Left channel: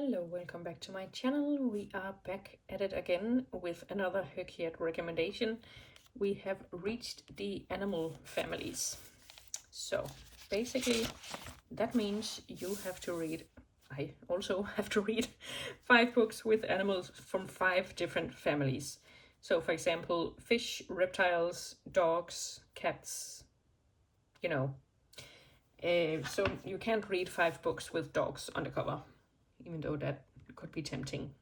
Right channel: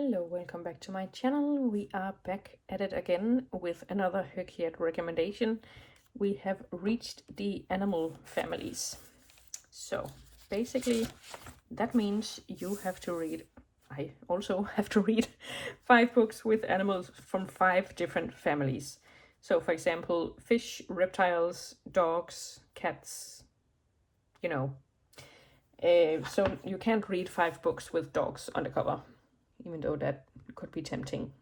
Hello, welcome back to my channel. We are back at it again with another HRCYED recommendation. We have reached the animal families. So basically that means you have to read, I also have to read 5 books with animals from 5 different families. So for example, fish, reptiles, dogs, cats, you know. So you can't read 5 books with dogs on the cover, even though that could be tempting.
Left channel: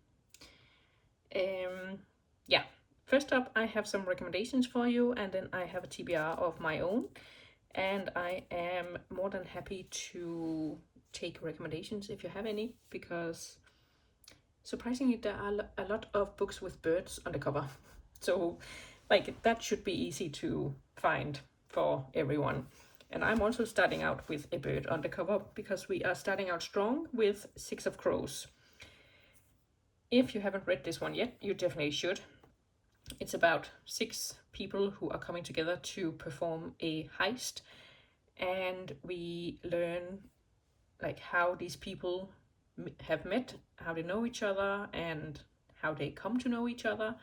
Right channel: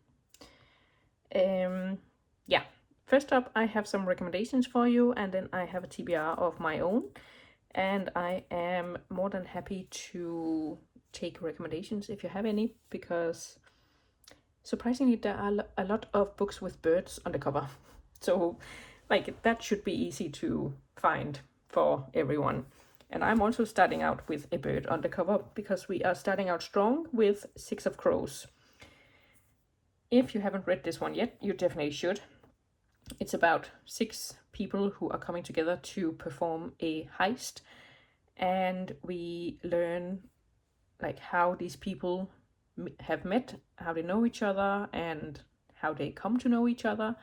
Yeah, first up I have some recommendations for you, and then I have a TBR of my own, and I am more than happy to take recommendations if you have any, because surprisingly there are a lot of books with birds on the cover. So like that should be easy to find for everyone. And I'm also starting out with a bird on the cover because we are starting out strong with 6 of Crows. If you haven't read this one yet, you definitely should. It's about 6 people who are coming together to perform a heist, and we learn like how these people have met, how they know each other, and how they come to know each other.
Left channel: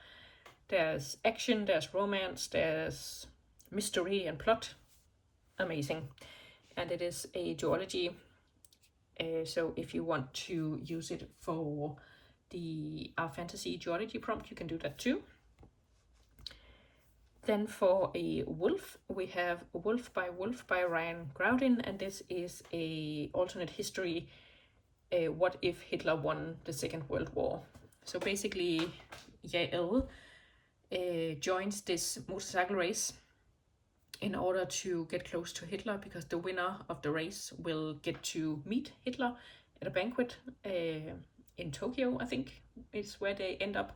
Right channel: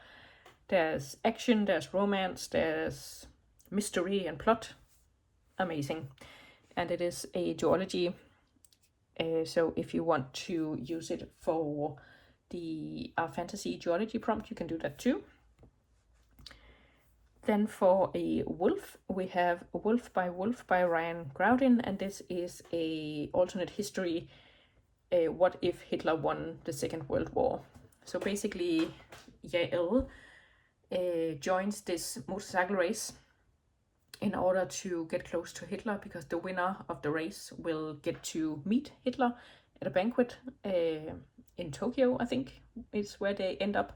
There's action, there's romance, there's mystery and plot. Amazing. And it is a duology, so if you want to use it for the fantasy duology prompt, you can do that too. Then for a wolf, we have Wolf by Ryan Groudin, and this is a alternate history, what if Hitler won the Second World War. So basically, Yael joins this motorcycle race in order to get close to Hitler, because the winner of the race will get to meet Hitler at a banquet in Tokyo, I think is where they end up.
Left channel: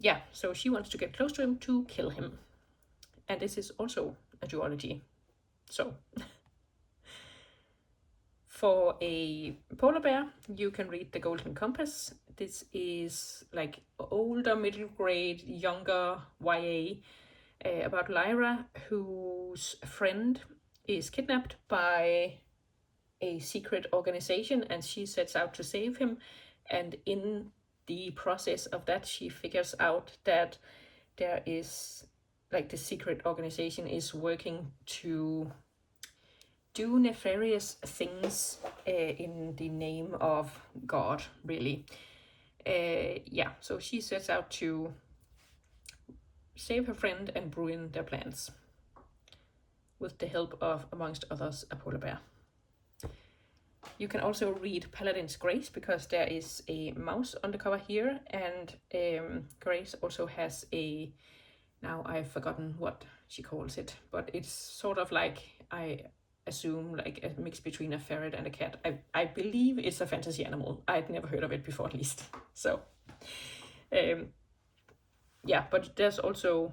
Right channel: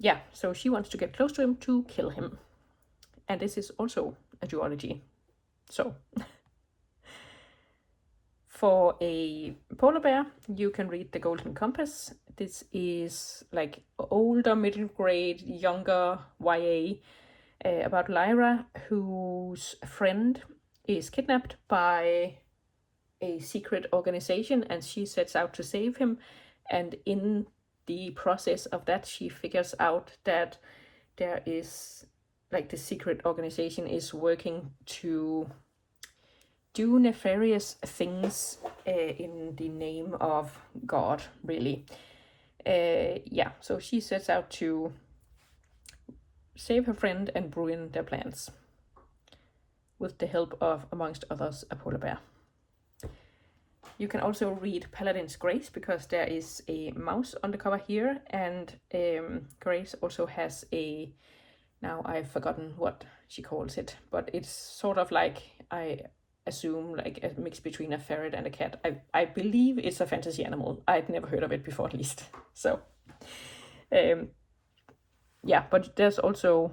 Yeah, so she wants to get close to him to kill him. And this is also a duology. So for a polar bear, you can read The Golden Compass. This is like older, middle grade, younger YA about Lyra, whose friend is kidnapped by a secret organization, and she sets out to save him. And in the process of that, she figures out that there is like the secret organization is working to do nefarious things in the name of God, really. Yeah, so she sets out to save her friend and ruin their plans with the help of, amongst others, a polar bear. You can also read Paladin's Grace, because there is a mouse on the cover here, and Grace also has a, now I've forgotten what she calls it, but it's sort of like, I assume, like a mix between a ferret and a cat. I believe it's a fantasy animal. I'd never heard of it before, at least. So yeah, but there's also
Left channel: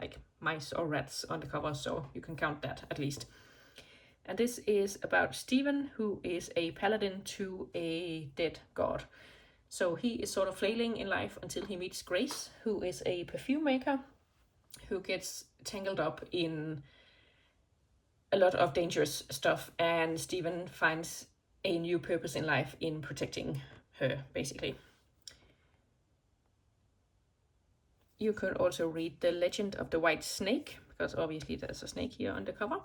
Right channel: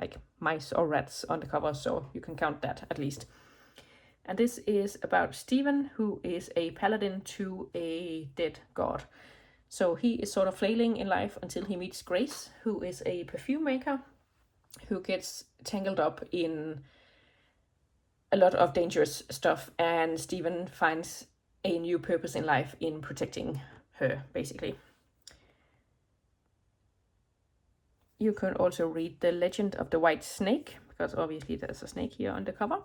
like mice or rats on the cover, so you can count that at least. And this is about Stephen, who is a paladin to a dead god. So he is sort of flailing in life until he meets Grace, who is a perfume maker, who gets tangled up in a lot of dangerous stuff, and Stephen finds a new purpose in life in protecting her, basically. You can also read The Legend of the White Snake, because obviously there's a snake here on the cover.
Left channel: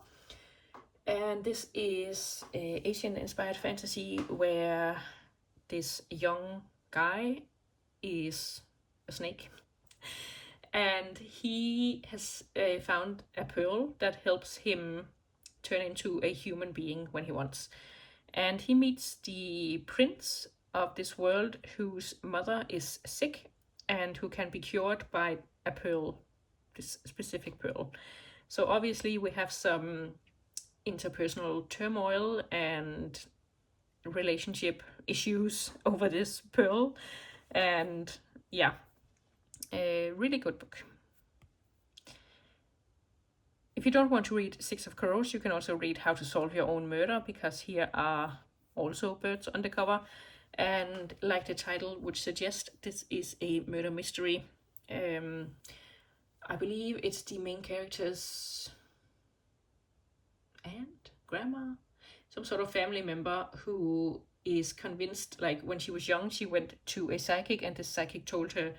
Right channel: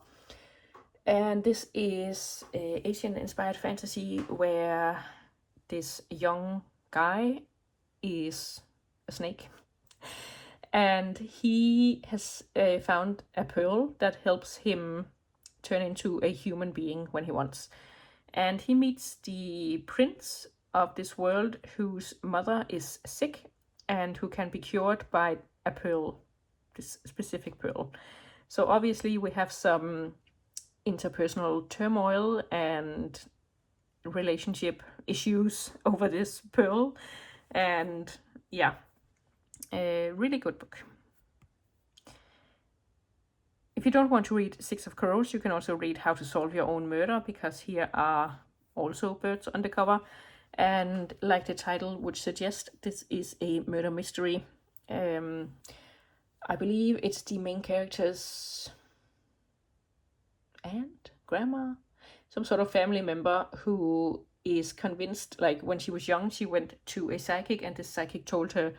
And this is Asian-inspired fantasy where this young guy is a snake, and he has found a pearl that helps him turn into a human being when he wants. And he meets the prince of this world, whose mother is sick and who can be cured by a pearl, this specific pearl. So obviously we have some interpersonal turmoil and relationship issues over this pearl, and yeah, a really good book. If you don't want to read 6 of Crows, you can also read How to Solve Your Own Murder, because here are also birds on the cover, and like the title would suggest, this is a murder mystery. I believe it's the main character's aunt, grandma, some sort of family member who is convinced, like when she was young, she went to a psychic, and the psychic told her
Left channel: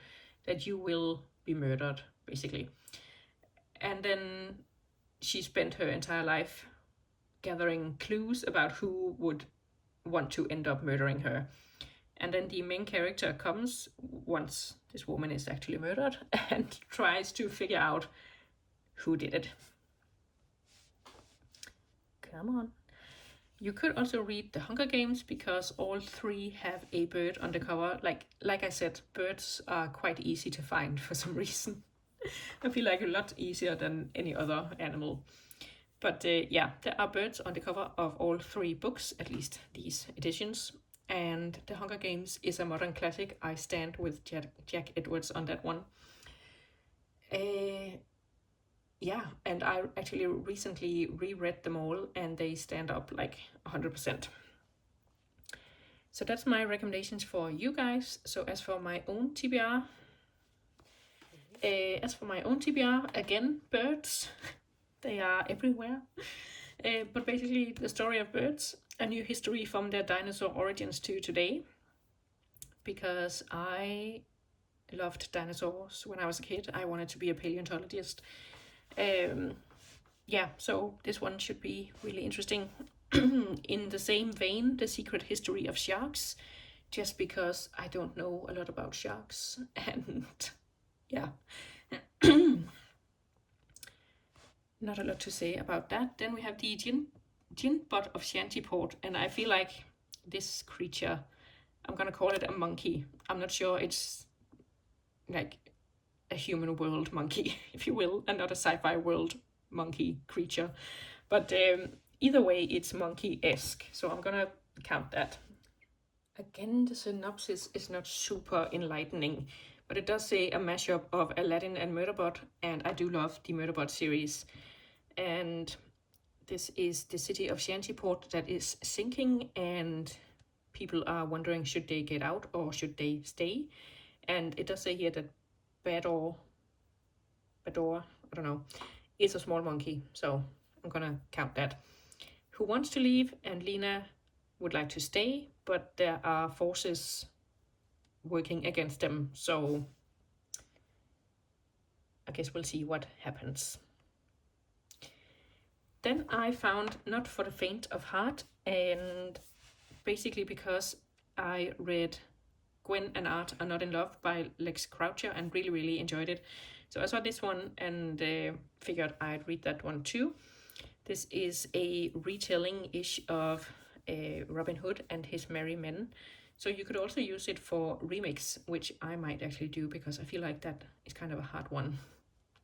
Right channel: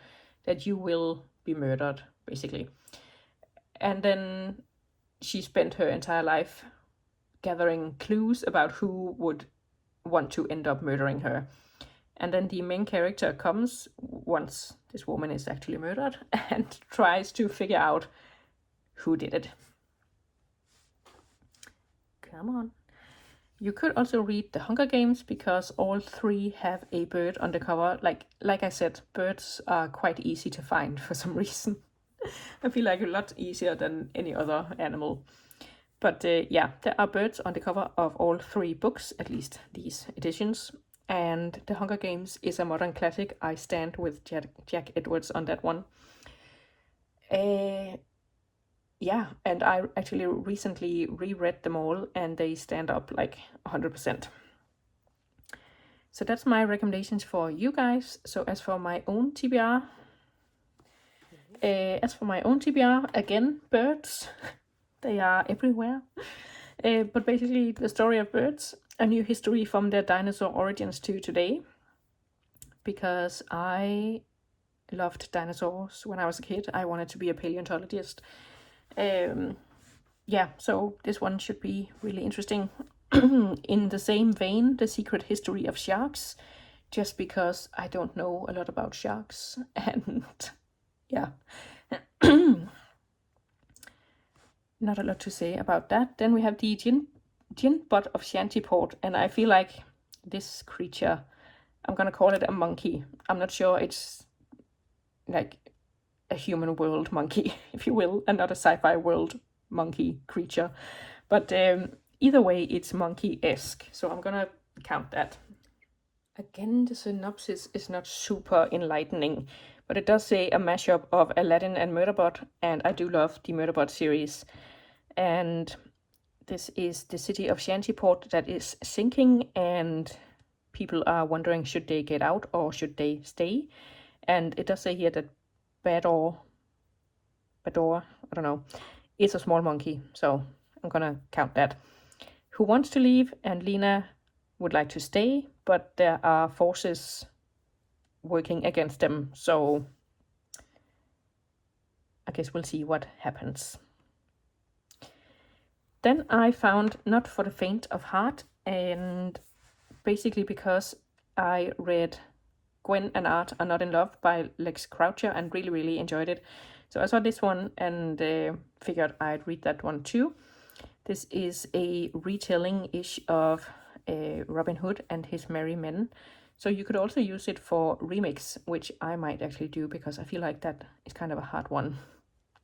that you will be murdered, basically. And then she spent her entire life gathering clues about who would want to end up murdering her. And then the main character comes once this woman is actually murdered and tries to figure out who did it. Come on. You could also read The Hunger Games, because all three have a bird on the cover. Like I said, birds are quite easy to find for some reason. I feel like a lot easier than any other animal. But yeah, there are birds on the cover of all three books, at least these editions. And The Hunger Games is a modern classic. I stand with Jack Edwards on that one. Yeah, and I actually recently reread them all, and they stand up like 100%. So that's my recommendations for you guys. So as for my own TBR, again, birds, they are everywhere. But basically the story of birds, a new history from their dinosaur origins to today, because I loved dinosaurs when I was a kid. I wanted to be a paleontologist. Yeah, so this one should be really interesting. In the same vein, The Secret History of Sharks, just because I don't know a lot about sharks, and yeah, not a lot to say about that. Then we have the Gin Butt of Shantyport, and I feel like this creature, I'm gonna call it a monkey. I'm not sure it's like a human world monkey, if you will, and not a sci-fi world monkey creature. But either way, it's monkey-esque, so I'm gonna count that. Again, the synopsis is not super enlightening, but it does say a mashup of Aladdin and Murderbot, and I do love the Murderbot series. And this is the city of Shantyport that is sinking, and people are wondering, should they get out or should they stay? And it does say here that Bador, I don't know, is a small monkey, so I'm gonna count that. Who wants to leave, and Lena would like to stay, but there are forces working against them, so I guess we'll see what happens. Then I found Not for the Faint of Heart, and basically because I read Gwen and Art Are Not in Love by Lex Croucher and really enjoyed it. So I saw this one and figured I'd read that one too. This is a retelling-ish of Robin Hood and His Merry Men. So you could also use it for remix, which I might actually do, because I feel like that is kind of a hard one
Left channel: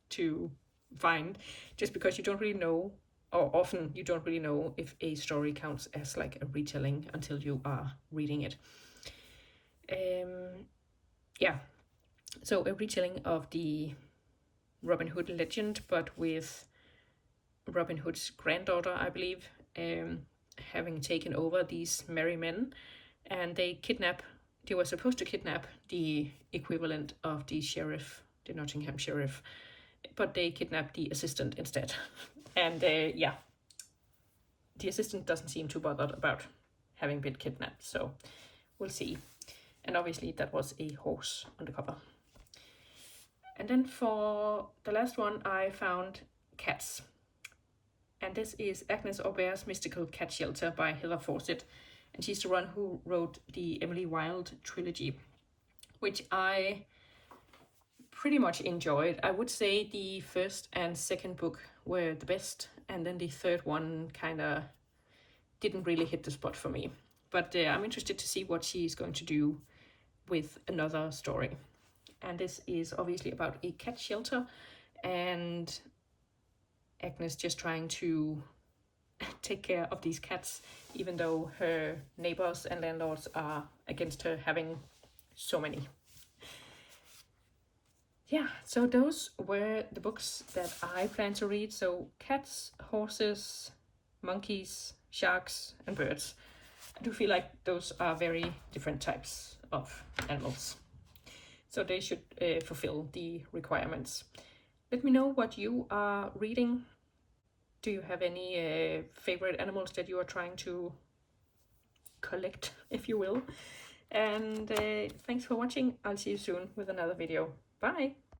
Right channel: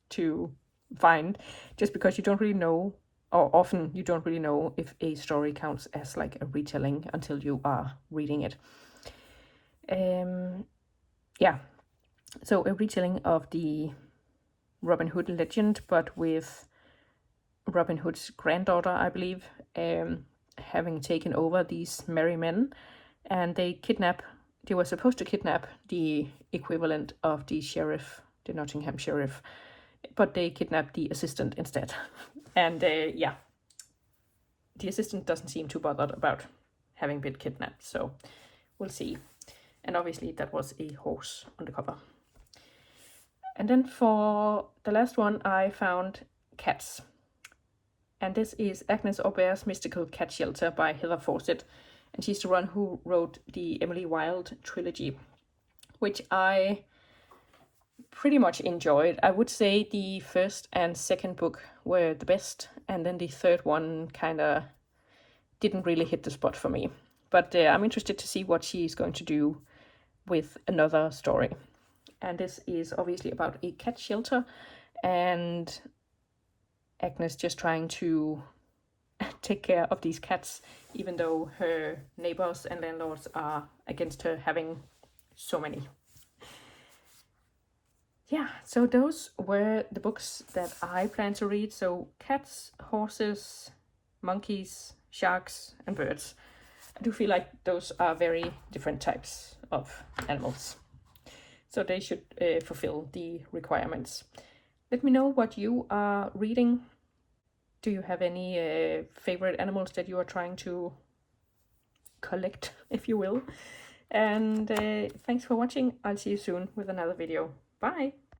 to find, just because you don't really know, or often you don't really know, if a story counts as like a retelling until you are reading it. Yeah, so a retelling of the Robin Hood legend, but with Robin Hood's granddaughter, I believe, having taken over these merry men, and they were supposed to kidnap the equivalent of the sheriff, the Nottingham sheriff, but they kidnapped the assistant instead. And yeah, the assistant doesn't seem too bothered about having been kidnapped, so we'll see. And obviously that was a horse on the cover. And then for the last one, I found Cats. And this is Agnes Aubert's Mystical Cat Shelter by Heather Fawcett. And she's the one who wrote the Emily Wilde trilogy, which I pretty much enjoyed. I would say the first and second book were the best, and then the third one kind of didn't really hit the spot for me. But I'm interested to see what she's going to do with another story. And this is obviously about a cat shelter, and Agnes just trying to take care of these cats, even though her neighbors and landlords are against her having so many. Yeah, so those were the books that I plan to read. So cats, horses, monkeys, sharks, and birds. I do feel like those are very different types of animals, so they should fulfill the requirements. Let me know what you are reading. Do you have any favorite animals that you are trying to collect, if you will. And thanks for watching. I'll see you soon with another video. Bye!